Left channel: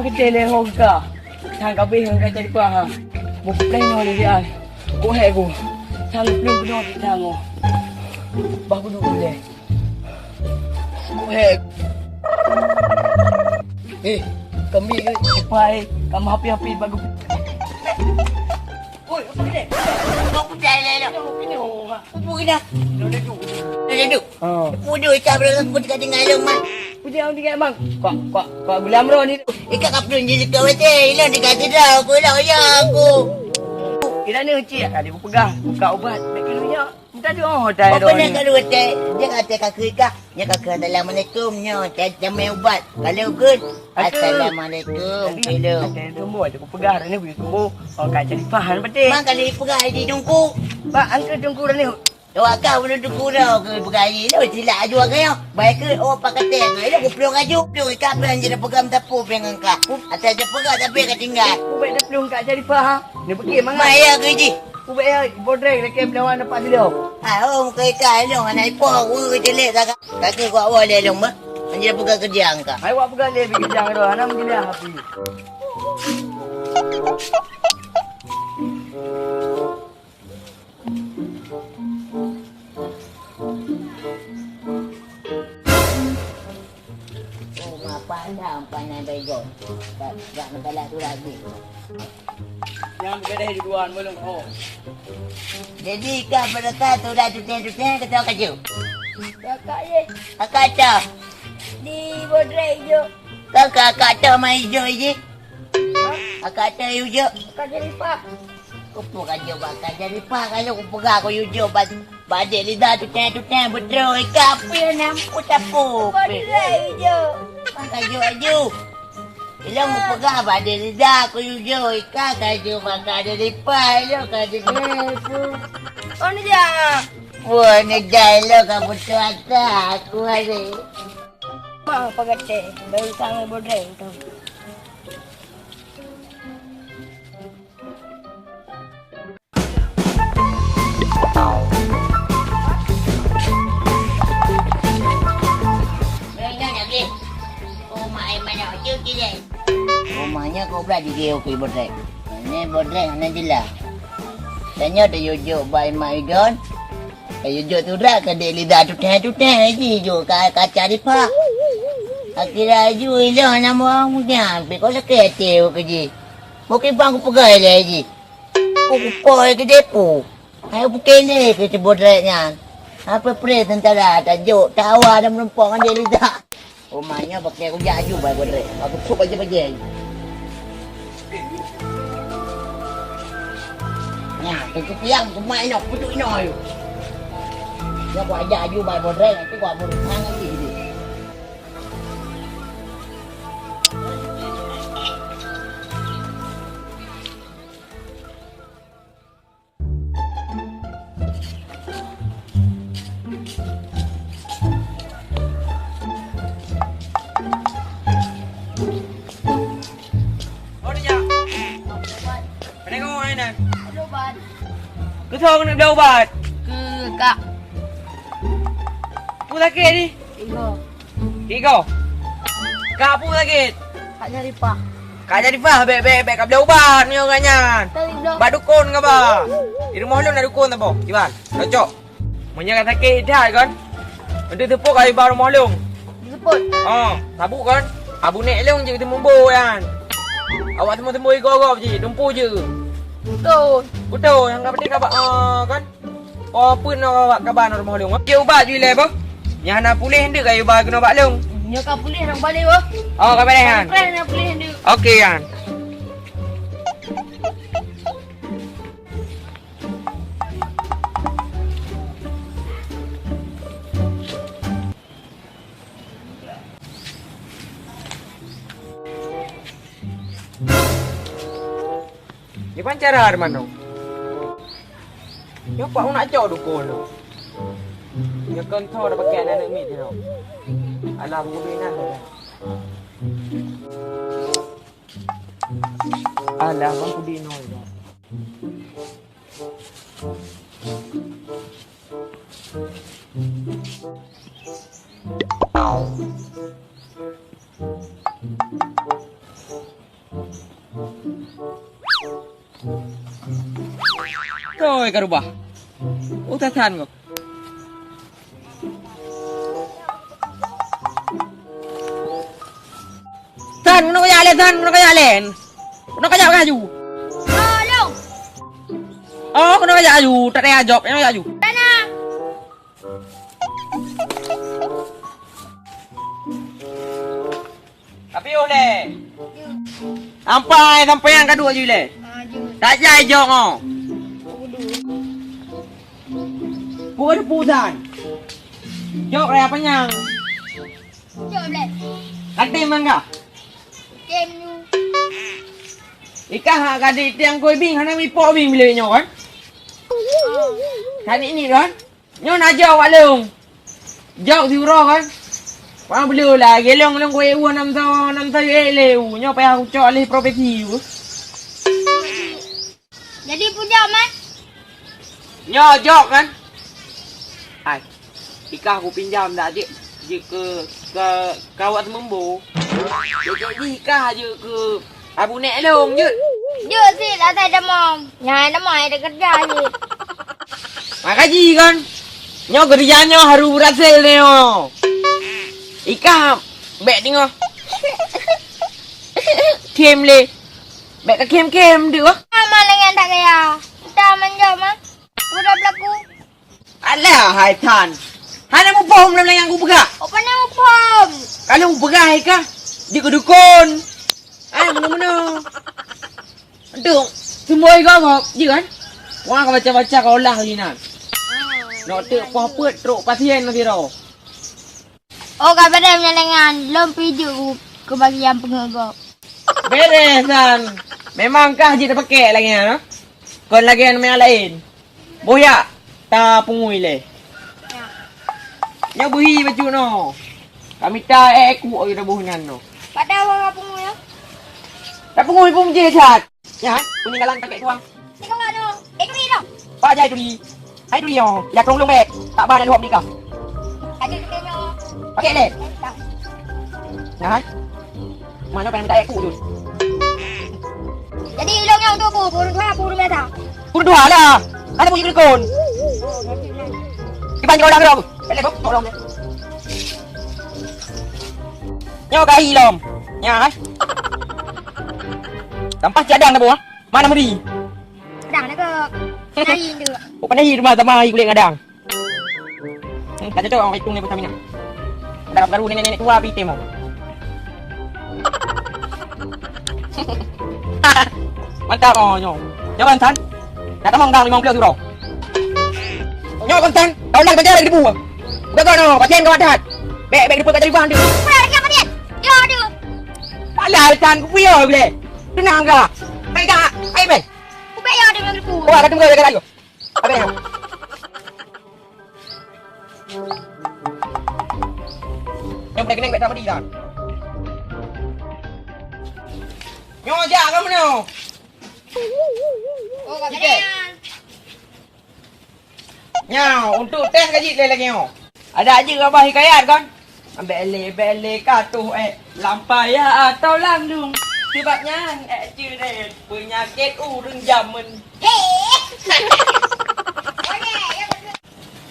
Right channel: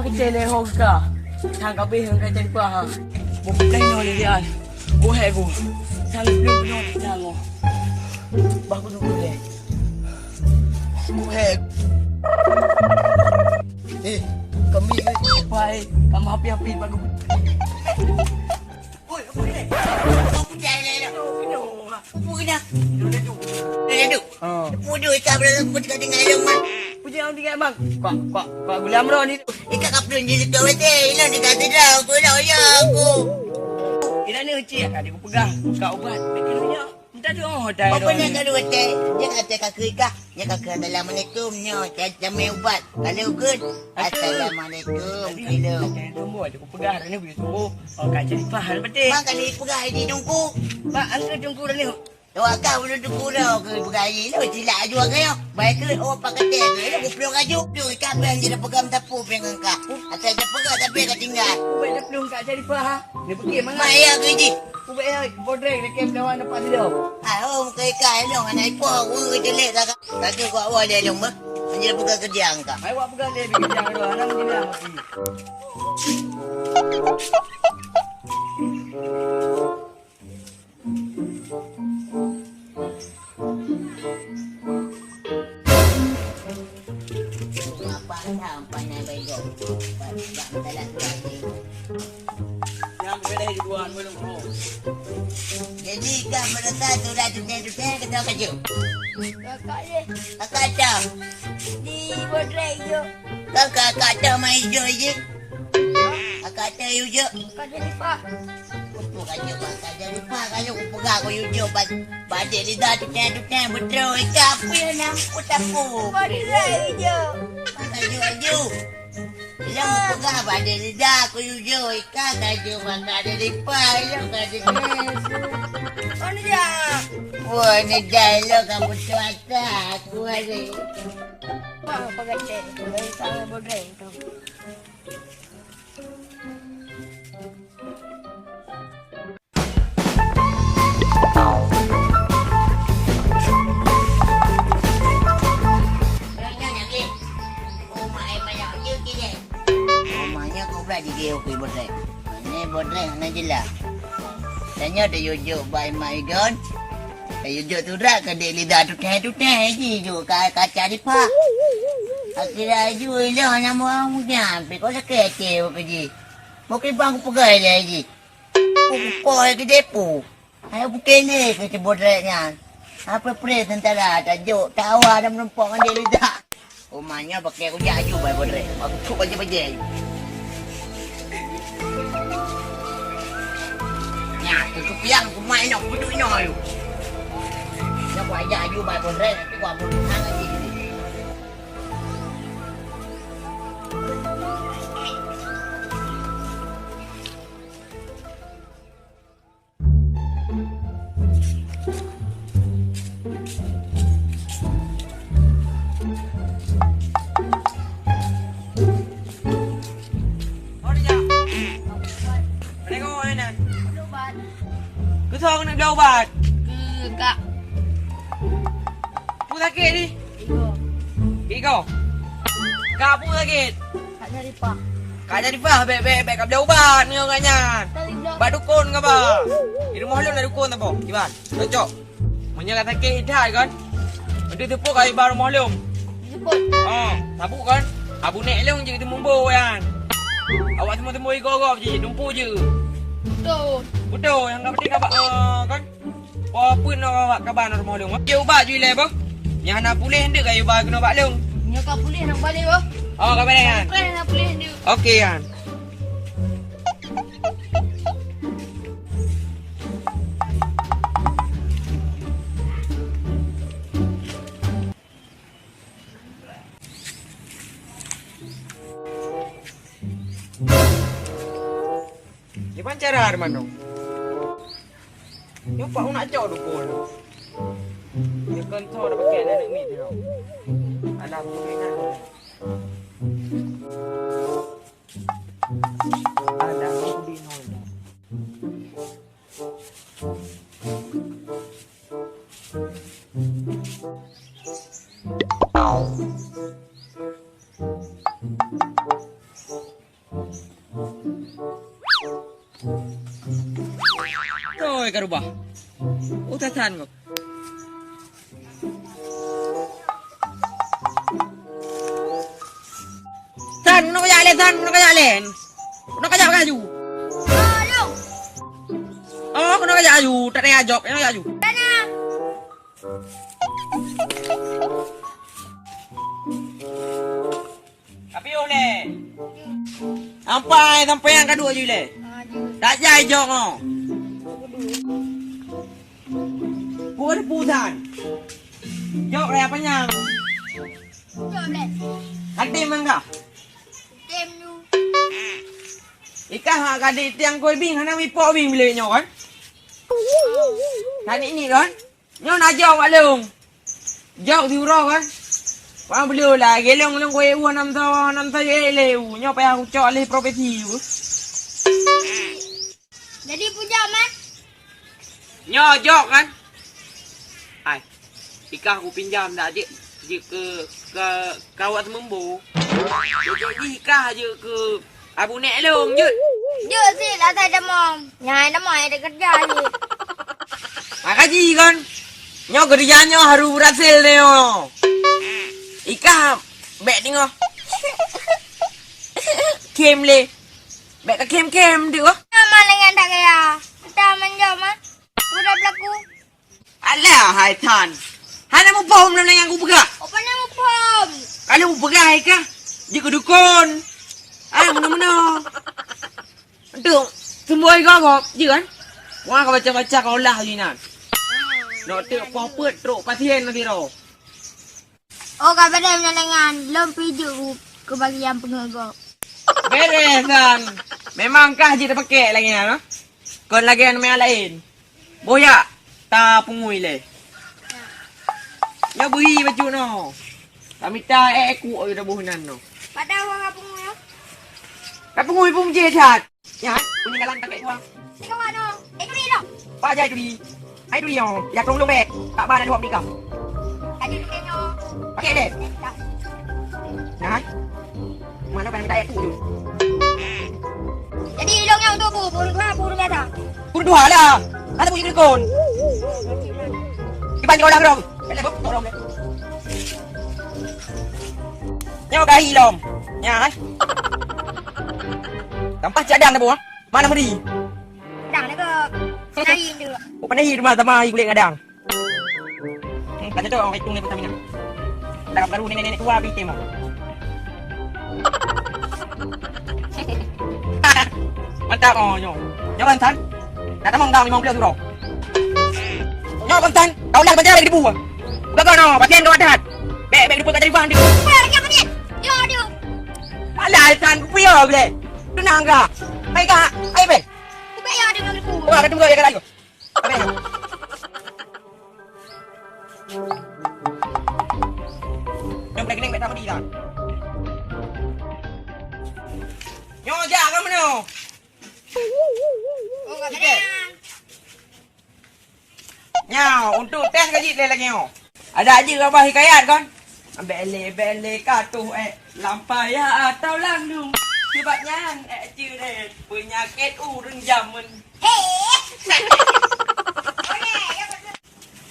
makitele hoga. Sang kabeh hang kata di ha. Bo play no ni dia. Ko he ko. Sang plung no sang. Ba ko dulu le. Ko he. Kami ni. Pai, kamu happy bagus. Oi, apa ni? Kau pun dah. Apa kena? Duduk. Pudu ikan berada pun dekat dengan rumah. Puja dia bang. Kok bulan ro ni tu. Ikan kapten jadi kau betul. Ilang dekat tidak. Aku dah ya aku. Kira ni uci tadi aku pegang buka ubat. Kira minta dia dah. Apa nak kalau betul? Dia kata kakak ikan. Dia kakak Assalamualaikum. Kata main ubat. Kalau good. Assalamualaikum. Hello. Tunggu aku pegang ni boleh tunggu. Oh kat jadi faham betul. Mak kali pegang di tungku. Bak angkat tunggu dah ni. Awak kau belum tunggu dah ke pegang ni. Silap aju kau. Baik ke awak pakai teh. Aku peluk aju. Peluk ikan apa yang dia pegang tapu pegang kau. Atas dia pegang tapi kau tinggal. Ubek dah pelung kat jadi faham. Ni pergi mana? Maya ke ji? Ubek ya bodreng dekat lawan dapat dia. Muka ikan long anak ipo aku jelek tak kaki aku awal dia long bah. Anjir pegang kerja angka. Ai awak pegang dia pergi jang tu. Ana mesti dia happy. Pandai bego. Tak salah tu lagi. Yang beda di duaan belum oh. Jadi kau mereka tu dah tuken kata kaju. Kakak ye. Kakak cah. Di bodreng je. Kakak cah main hijau je. Kakak cah hijau. Kakak jadi fah. Apa kaju bakal jadi pak kalau aku pegang aku hijau badik lidah tuken betul ikan apa yang nampu tapu. Bodreng je. Kaju. Bila mau pegang badik lidah aku hijau ikan kaju makan ada lipat lo kaju. Oh ni dia. Wah ni dialog kamu cuaca aku hari. Apa kata? Dari sana bodreng tu. Rumahnya kau berada di okey bodreng. Ini bodreng mana jelas. Tanya ada yojo by my god. Yojo tu dah ke dek lidah tu teh je jo kaca di pak. Akhirnya ju ini nama orang punya. Kau sakit ke je. Mungkin bang aku pegai lah je. Aku poi ke depo. Ayo bukan ni ke bodreng kan. Apa pre tentara tajuk tawa ada merempok dengan dia lidah. Rumahnya pakai aku jaju by bodreng. Aku kuk aja. Nha, tu piang aku main nak puduk ino yo. Ya aku ajak aju by bodreng nanti gua mau hang lagi ni. Cứ thong được đâu bà? Kak. Pu sakit ni? Tiga. Kak pu sakit. Kak nyari pak. Kak jadi fah bek kap dah ubat ni orangnya. Ba dukun ke ba? Di rumah lu nak dukun tak apa? Gimana? Cocok. Punya kata sakit dah kan? Nanti tepuk kali baru rumah lu. Jemput. Tabuk kan? Abu nek lu je kita mumbu kan. Awak semua tembui gorok je, dumpu je. Betul, yang kau penting kau kan. Kau pun nak awak kabar nak rumah lu. Dia ubat je le apa? Yang nak pulih hendak kau ubat kena ubat lu. Nya kak pulih nak balik bah. Oh, kau balik kan? Plan nak pulih hendak. Okey kan. Ni pancara Arman tu. Yo pak nak cak dukun tu. Dia kan tahu dah pakai anak mi tu. Alah pemilihan tu. Alah aku bino tu. Rồi ka rubah. Utasan ko. Tan, kuno kaya alen, tan, kuno kaya alen. Kuno kaya kaju. Long. Oh, kuno kaya kaju, tak ada ajok, kuno kaya kaju. Sana. Tapi oleh. Sampai yang kedua je le. Tak jai jok oh. Pua ada pusan. Jok raya penyang. Jom le. Katim mangga. Tem you. Ika ha kadi tiang koi bing hana mi po bing bile nyo kan. Kan ini kan. Nyo na jok walung. Jok diuro kan. Wang beliau lah, gelong long koi u nam tau eleu. Nyo pa aku cok le profesi u. Jadi punya man. Nyo jok kan. Ai. Ika aku pinjam dah je ke kawat membo. Jadi Ika je ke Abu Nek Long je. Dia sih lah tak ada mom. Nyai nama ada kerja je. Makasih kan. Nyo kerjanya haru berhasil ni oh. Ika bek tengok. Kem le. Bek ke kem dia. Sama dengan tak kaya. Kita menjom ah. Udah berlaku. Alah hai tan. Hana mo pom lang yang aku pegak. Apa ni upom? Kalau mo pegak hai ka. Di ke dukun. Mana-mana. Tu semua igak je kan. Wang ka baca-baca ka ulang linan. Nak tengok apa teruk pasien nanti ro. Oh, kabar dia menyalangan. Belum pijuk ke bagian pengegok. Beres kan. Memangkah je terpakai lagi no? Kau lagi yang lain. Boyak ta pungui le. Nya bui baju no. Kami ta aku oi buhunan no. Pada awak apa mu ya? Ta pungui pun je chat. Ya, punya galang tak kat tuang. Tengok ano. Itu ni dong. Pak jai tu di. Hai tu dia. Ya tolong bek. Tak ba dah luap ni kau. Aja tengok. Okey le. Nah. Mana pengen minta aku tu? Jadi ilong yang tu aku puru biasa. Pun dua lah. Ada punya kelakon. Iban kau dah berapa? Boleh kau tolong deh. Nyawa kahi lom. Ya kan? Tampak cadang dah buah. Mana muri? Dang ni ke. Nari tu. Oh pandai rumah sama kulit ngadang. Tak cocok orang hitung ni pertamina. Dah baru nenek-nenek tua piti mau. Mantap oh nyo. Nyo bantan. Nak tamang dang 50 euro. Nyo bantan. Kau lang bantan lagi dibuang. Bukan kau no, pasien kau ada. Bek depan tak jadi buang dia. Apa dia apa dia? Yo dia. Alah tan ku piye boleh. Tenang ka. Kai ka. Ai be. Ubek yo dia ngi pu. Wah, ketemu dia lagi. Abe. Yang boleh kena tak mesti kan. Nyo jak kamu no. Oh, kat dia. Nyau, untuk tes gaji lagi nyo. Ada aja abah hikayat kan? Bele katuh lampaya atau landung. Sebabnya ceret penyakit urang zaman.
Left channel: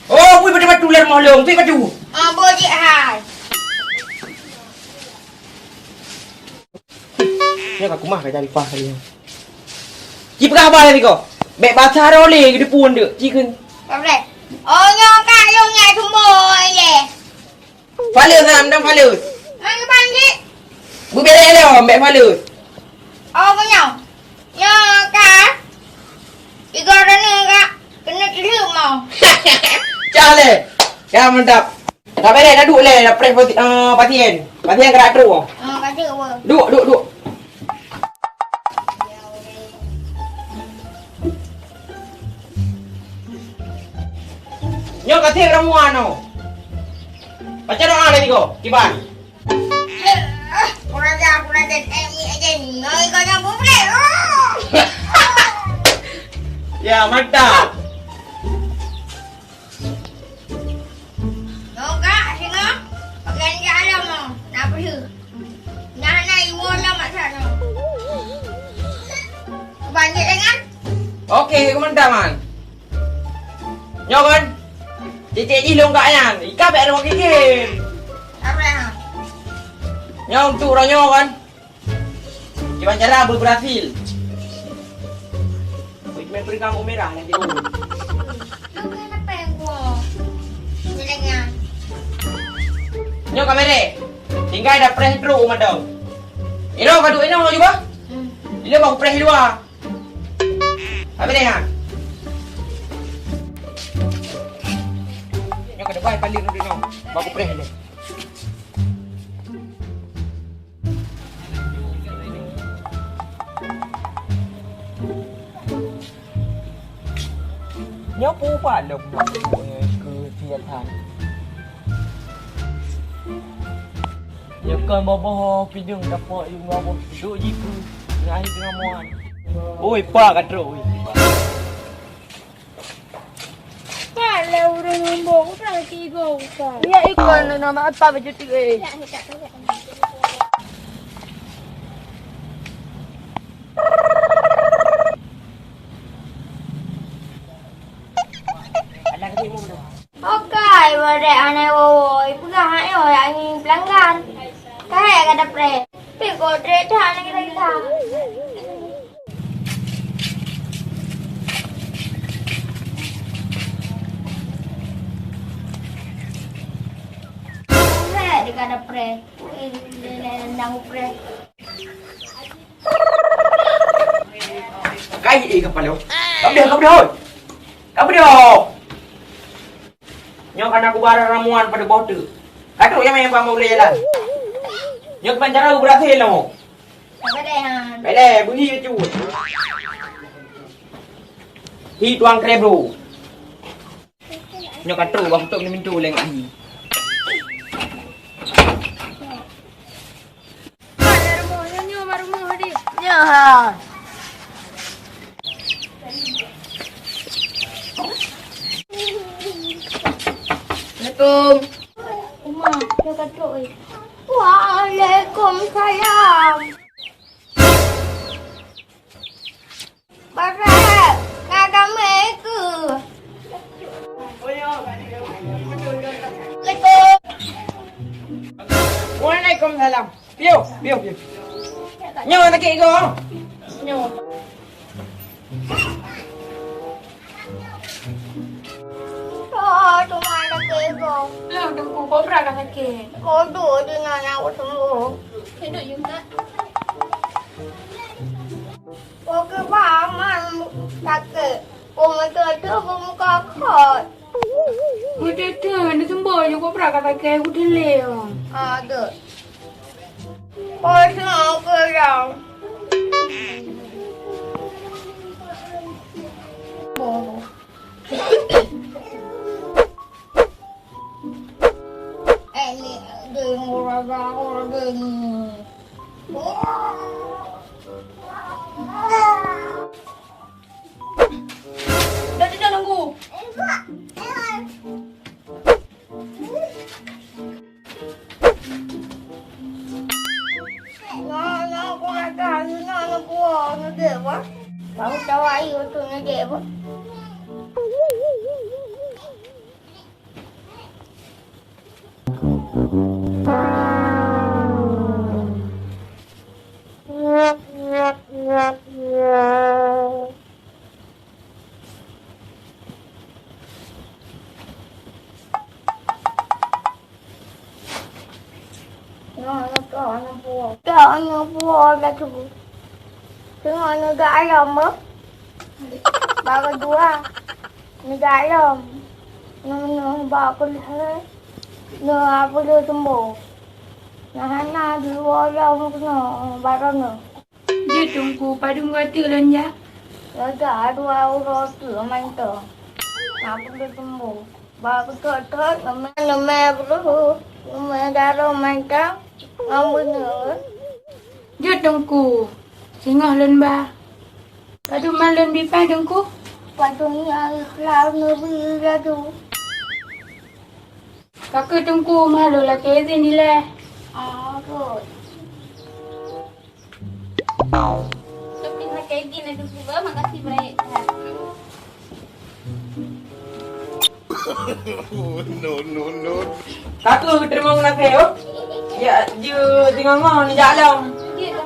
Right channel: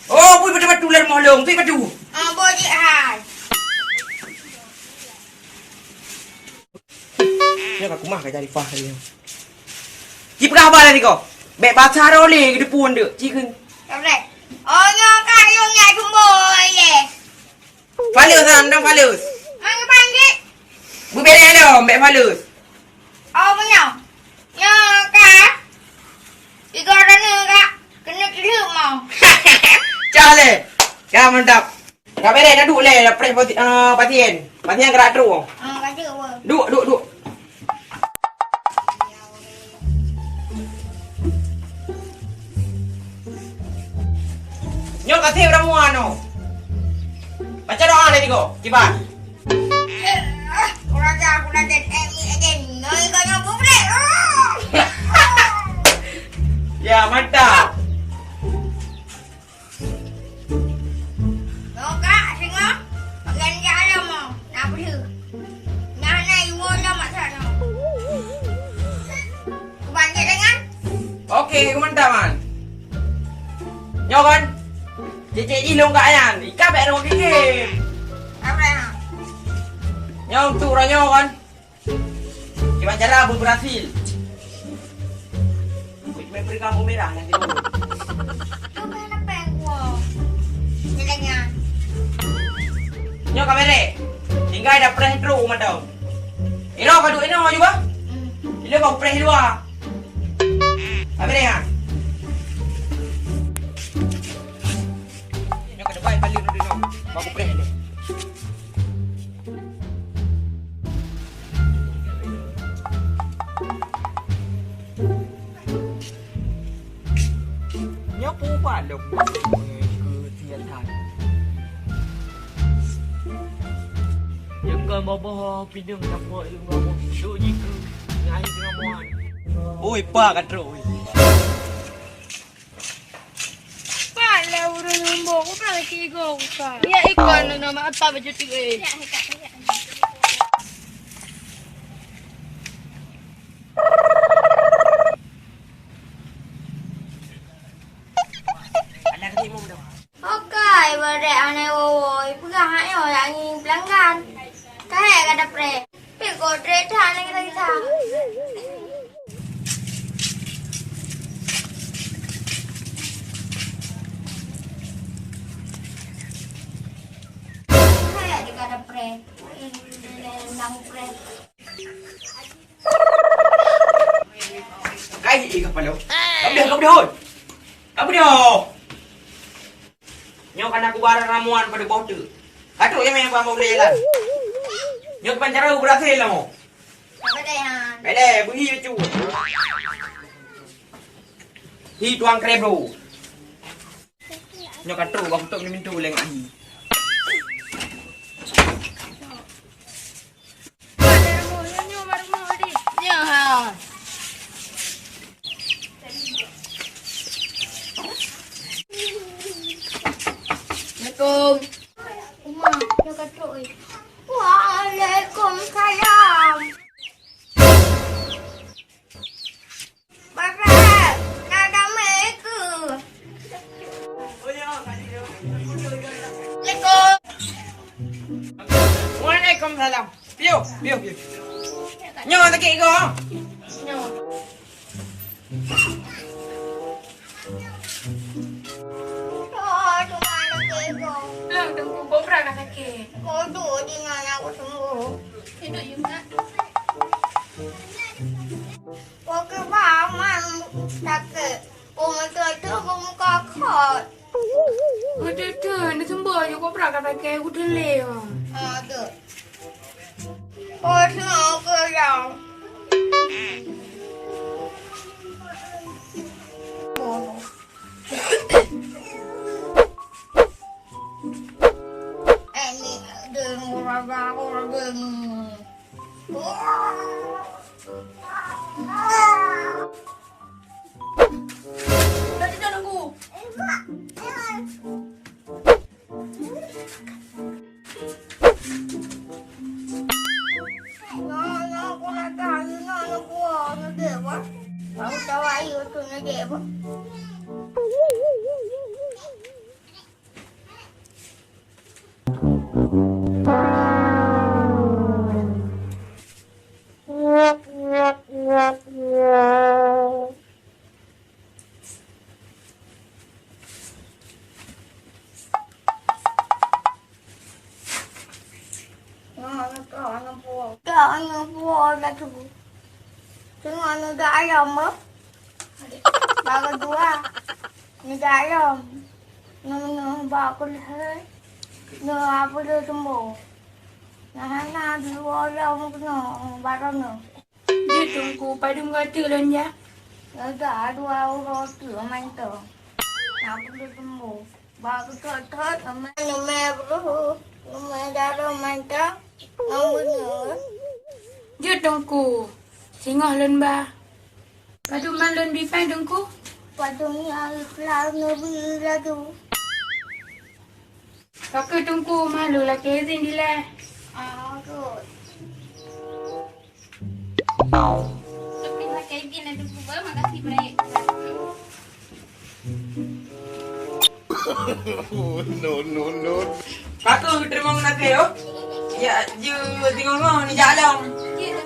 Oh, pui betul-betul tular molong, pui betul. Ah, boji hai. Ya aku mah ka cari fah kali. Ki perah apa tadi kau? Bek baca role ke depun dia. Cikun. Boleh. Oh, nyong ka nyong nyai tumboy le. Falus dang falus. Mang panggil. Bu bere lo, bek falus. Oh, nyong. Nyong ka. Tiga orang ni ka. Kena tidur mau. Ciao le. Kau mantap. Kau bere dah duduk le, dah pres pasien. Pasien gerak terus. Kata apa? Duduk. Nyo kasih ramuan no. Baca doa le tigo, kiban. Kurang ni aja ni. Noi kau yang boleh. Ya, mantap. Nyong ka tengok. Pakai ni alam mau. Nak pergi. Nah, iwo lah mak sana. Keban Cik dengan. Okey, komentar man. Nyo kan? Cicik ji long kak yan. Ika pek rumah kiki. Apa ya? Nyo untuk orang nyo kan. Cuma cara berhasil. Main beri kamu merah nanti dulu. Lu kan apa yang gua? Cik dengan. Nyo kamera. Tinggal ada press itu umat dong. Ino kadu ino juga. Ino baku press dua. Apa deh ha? Nyo kada baik paling nanti no. Baku press dulu. Nhớ phú và lục cứ thiệt thật nhớ cơn bò bò phi đừng gặp vội vào một số gì cứ ngay cái ngoan ôi pa cả rồi Pak, lewat nombor aku pernah kira kau. Ya ikan nama apa baju tu eh. Okey, pada aneh woi, pegang aneh woi angin pelanggan. Kayak kada pre. Pego trade aneh kita. Kayak di kada pre. Nang pre. cái gì không phải đâu không được không được nyo karena aku bara ramuan pada bodoh aduh yang main kamu jalan nyo penjara berhasil lah mau Apa deh han? bele bunyi cu hi tuang krebro nyo katu waktu ni mintu leng ahi Ya. Assalamualaikum. Umar, dia kata oi. Waalaikumsalam. Barat, ada mereka. Assalamualaikum. Waalaikumsalam piu piu piu nyo tak kira go Oh, tu mana kego? Yang tengku kau pernah sakit. Kau duduk dengan aku sembuh. Hidup juga. Kau ke paman sakit. Kau muka tu, kau muka kot. Udah tu, nak sembuh je kau pernah sakit. Aku delay. Ada. Kau semua kerang. Bodoh. Ini dengar orang dengar. Dah tidak nunggu. Aku nak tahu nak buat nak apa? Aku tahu air tu nak apa? Nak buat dah tu. Tengok nak ayam apa? Baru dua. Ni ayam. Nak bawa kulit. Nak apa dia sembuh. Nak dua ayam kena barang ni. Dia tunggu pada mengata lonja. Ada dua orang tu main tu. Nak dia sembuh. Baru tu nama perlu. Nama darah main tu. Benar. Dia tunggu. Singoh lon ba. Padu malon bi pai tunggu. Patungnya ikhlas nabi tu. Pakai tunggu malu lah ke sini lah. Aku. Tapi nak kayak gini dulu, makasih baik. Kakak terima nak yo. Ya, je tengok ni jalan. Gitu.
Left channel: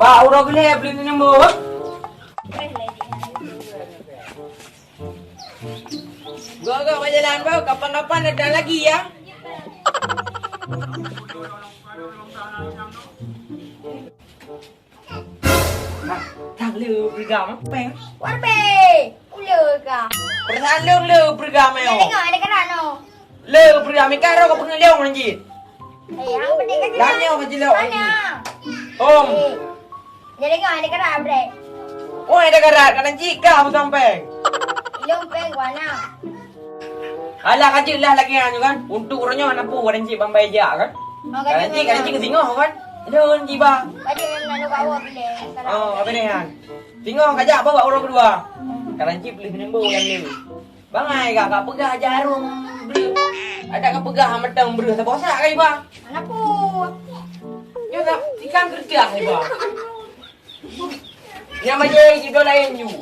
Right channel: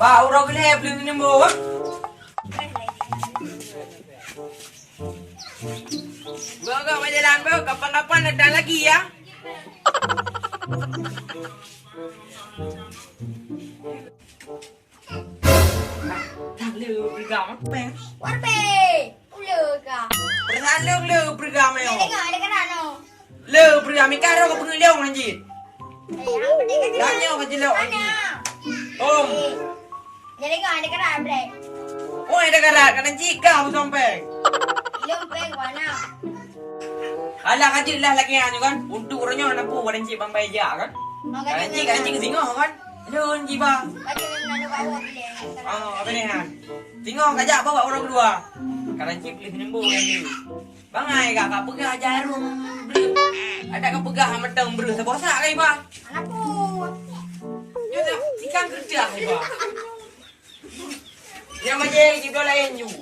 Ba urang gele beli ni mo. Go berjalan bau kapan-kapan datang lagi ya. Tak lu bergam apa? Warbe. Ula ka. Pernah lu bergam yo. Tengok ada kan no. Lu bergam karo ko pengelong anjir. Yang penting kan Lanyo ka jelo. mana? Om. Jadi kau ada kan abre. Oh ada karat kan jika bukan. Ilong peng wana. Alah kecil lah lagi kan. Untuk orangnya anak pu orang cik bambai ja kan. Kan cik singo kan. Aduh jiba. Tadi nanu bawa beli. Oh, apa ni kan? Tengok kajak bawa orang kedua. Karanci beli nembo yang ni. Bangai kak pegah jarum beli. Ada kak pegah metang beri. Tak bosak kan iba? Mana pu? Ya tak, tikang kerja iba. Dia macam kita lain you.